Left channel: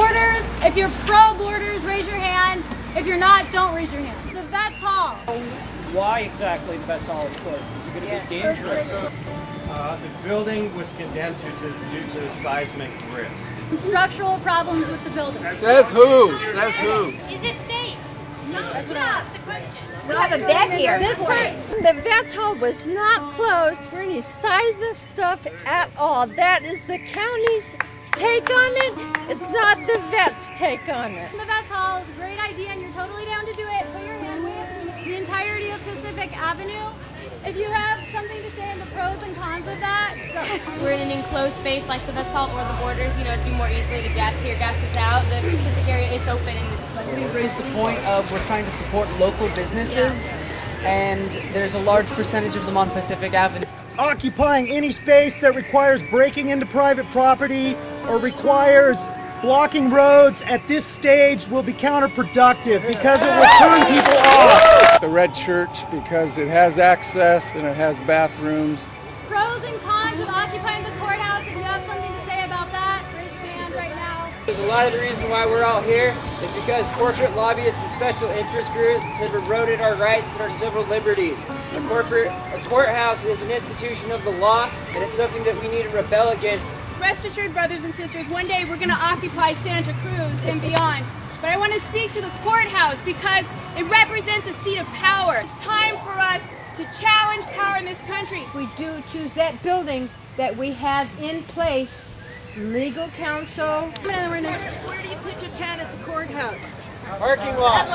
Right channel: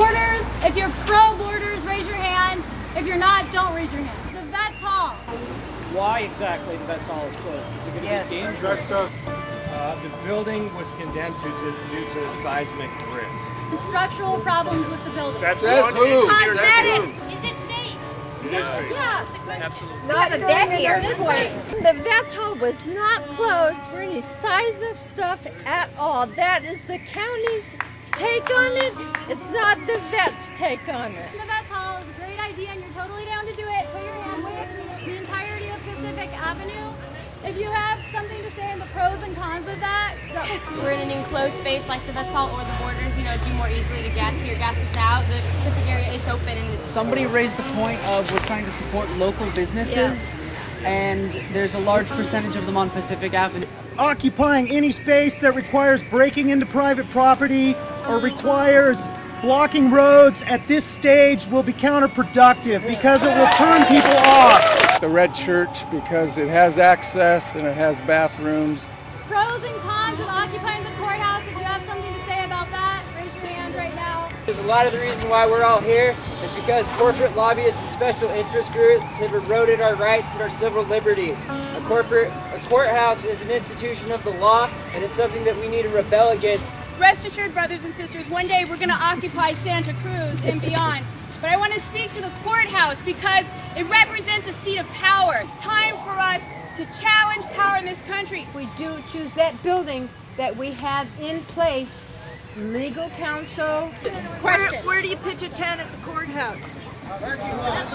Borders, if you're pro borders, raise your hand. If you're not, don't raise your hand. The Vets Hall. Why exactly the Vets Hall is closed? Is it going to be dangerous? The building was condemned due to seismic risk. Structural problems with the building. That's cosmetic. Is it safe? That's the question. The Vets Hall was not closed for any seismic stuff at all. That is the county's take on it. It's not the Vets' take on it. The Vets Hall is a great idea and you're totally down to do it. Put your hand way up in the entirety of Pacific Avenue. If you have something to say in the pros and cons of that, go. We're in an enclosed space like the Vets Hall or the Borders, you know, it'd be more easily to get to your gas is out. The Pacific area, it's open and it's... Somebody raised the point of we're trying to support local businesses, and there's a large percentage of them on Pacific Avenue. Occupying any space that requires breaking into private property or requires blocking roads at this stage will be counterproductive because it will turn people off. The Red Church because it has access and it has bathrooms. Pros and cons of occupying the courthouse. If you have something to say about that, raise your hand right now. There's a lot of the reason why we're all here is because corporate lobbyists and special interest groups have eroded our rights and our civil liberties. A courthouse is an institution of the law, and it's something that we need to rebel against. Rest assured, brothers and sisters, one day we're going to occupy Santa Cruz and beyond. But I want to speak to the courthouse because it represents a seat of power. It's time for us to challenge power in this country. We do choose that building that we have in place, legal counsel. Where do you pitch a tent at the courthouse? Parking lot.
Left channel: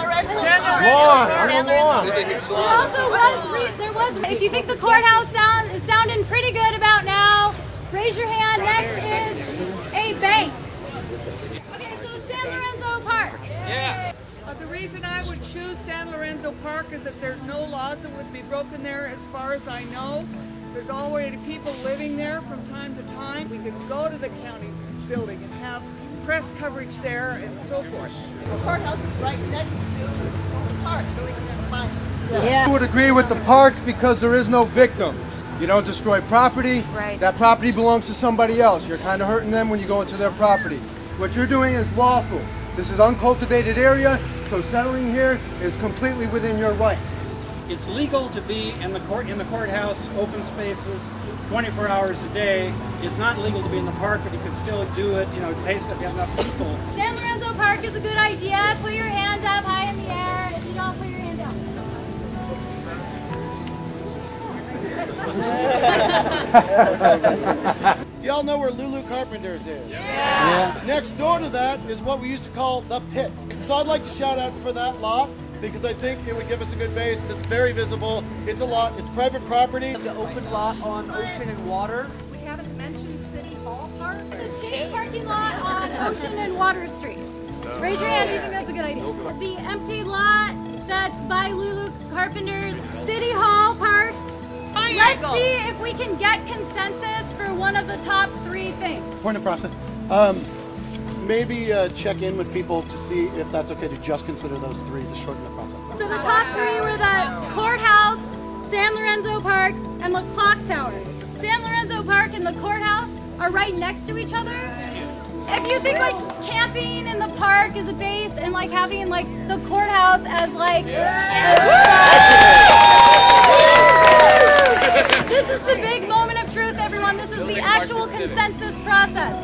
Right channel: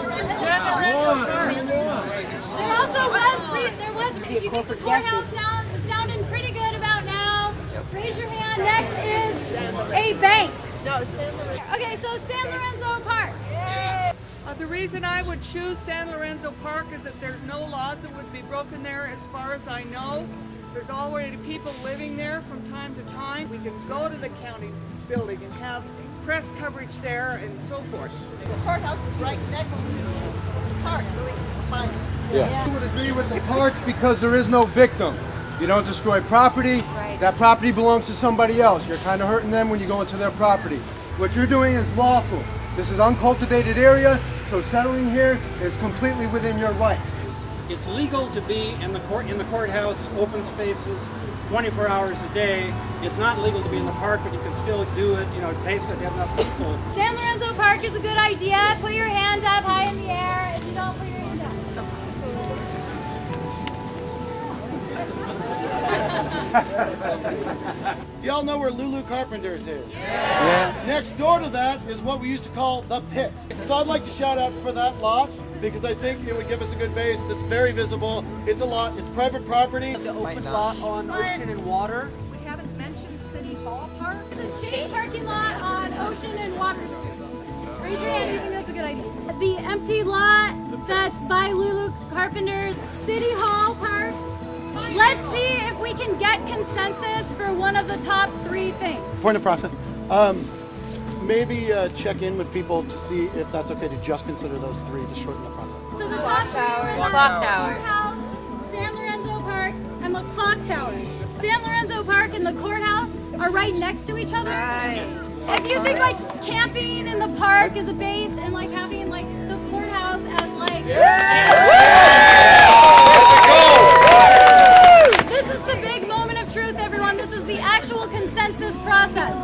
If you think the courthouse is sounding pretty good about now, raise your hand. Next is a bank. Okay, so San Lorenzo Park. Yeah. The reason I would choose San Lorenzo Park is that there's no laws that would be broken there as far as I know. There's already people living there from time to time. We can go to the county building and have press coverage there and so forth. The courthouse is right next to the park, so we can find it. I would agree with the park because there is no victim. You don't destroy property. That property belongs to somebody else. You're kind of hurting them when you go into their property. What you're doing is lawful. This is uncultivated area, so settling here is completely within your right. It's legal to be in the courthouse, open spaces, 24 hours a day. It's not legal to be in the park, but you can still do it. You know, basically if you have enough people. San Lorenzo Park is a good idea. Put your hands up high in the air and don't put your hands up. Y'all know where Lulu Carpenter's is? Yeah. Next door to that is what we used to call the pit. So I'd like to shout out for that lot because I think it would give us a good base that's very visible. It's a lot, it's private property. The open lot on Ocean and Water. We haven't mentioned City Hall Park. Parking lot on Water Street. Raise your hand if you think that's a good idea. The empty lot that's by Lulu Carpenter's, City Hall Park. Let's see if we can get consensus for one of the top 3 things. Point of process. Maybe check in with people to see if that's okay to just consider those 3 to shorten the process. Clock Tower. Courthouse, San Lorenzo Park, and the Clock Tower. San Lorenzo Park and the courthouse are right next to each other. Right. If you think like camping in the park is a base and like having like the courthouse as like... This is the big moment of truth, everyone. This is the actual consensus process.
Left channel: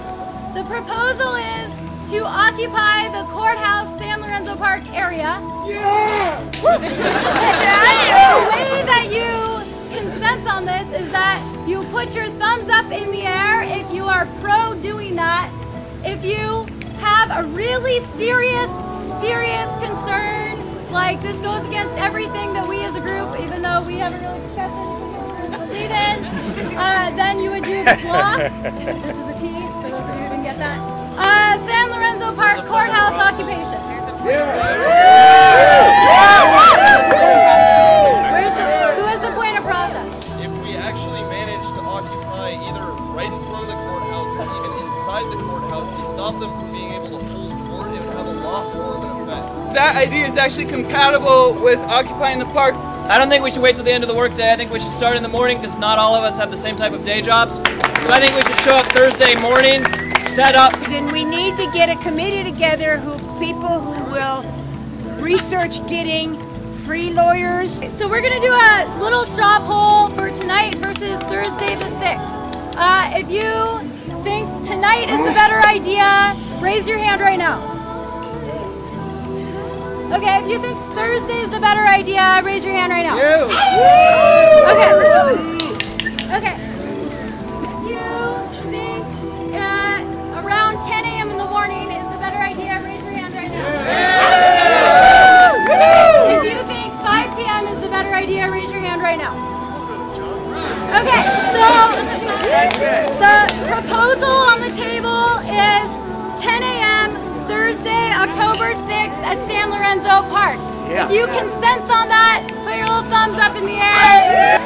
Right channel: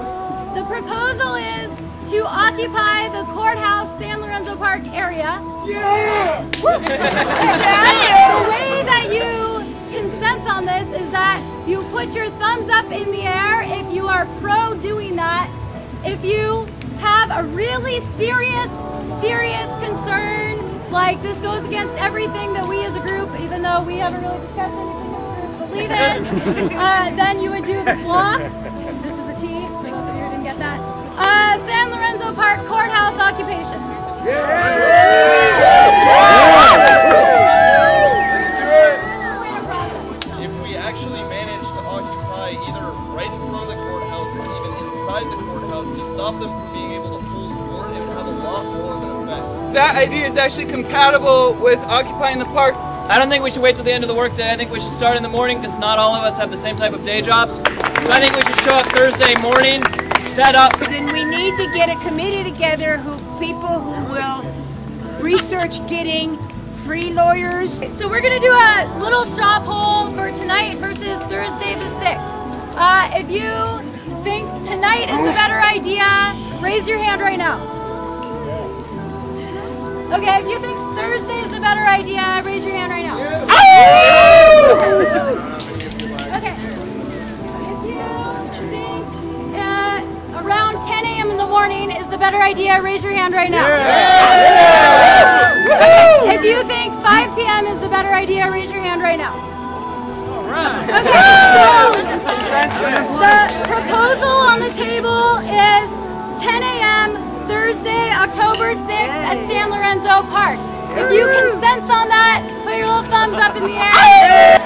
The proposal is to occupy the courthouse San Lorenzo Park area. Yeah! So the way that you consent on this is that you put your thumbs up in the air if you are pro doing that. If you have a really serious concern, like this goes against everything that we as a group, even though we haven't really discussed anything that we believe in, then you would do the block, which is a T, for those of you who didn't get that. San Lorenzo Park courthouse occupation. Who is the point of process? If we actually manage to occupy either right in front of the courthouse or even inside the courthouse to stop them from being able to hold court, it would have a lot more of an effect. That idea is actually compatible with occupying the park. I don't think we should wait till the end of the workday. I think we should start in the morning because not all of us have the same type of day jobs. So I think we should show up Thursday morning, set up. Then we need need to get a committee together people who will research getting free lawyers. So we're gonna do a little straw poll for tonight versus Thursday the 6th. If you think tonight is the better idea, raise your hand right now. Okay, if you think Thursday is the better idea, raise your hand right now. Okay. Around 10 a.m. in the morning is the better idea, raise your hand right now. If you think 5 p.m. is the better idea, raise your hand right now. Okay, so the proposal on the table is 10 a.m. Thursday, October 6th at San Lorenzo Park. If you consent on that, put your little thumbs up in the air.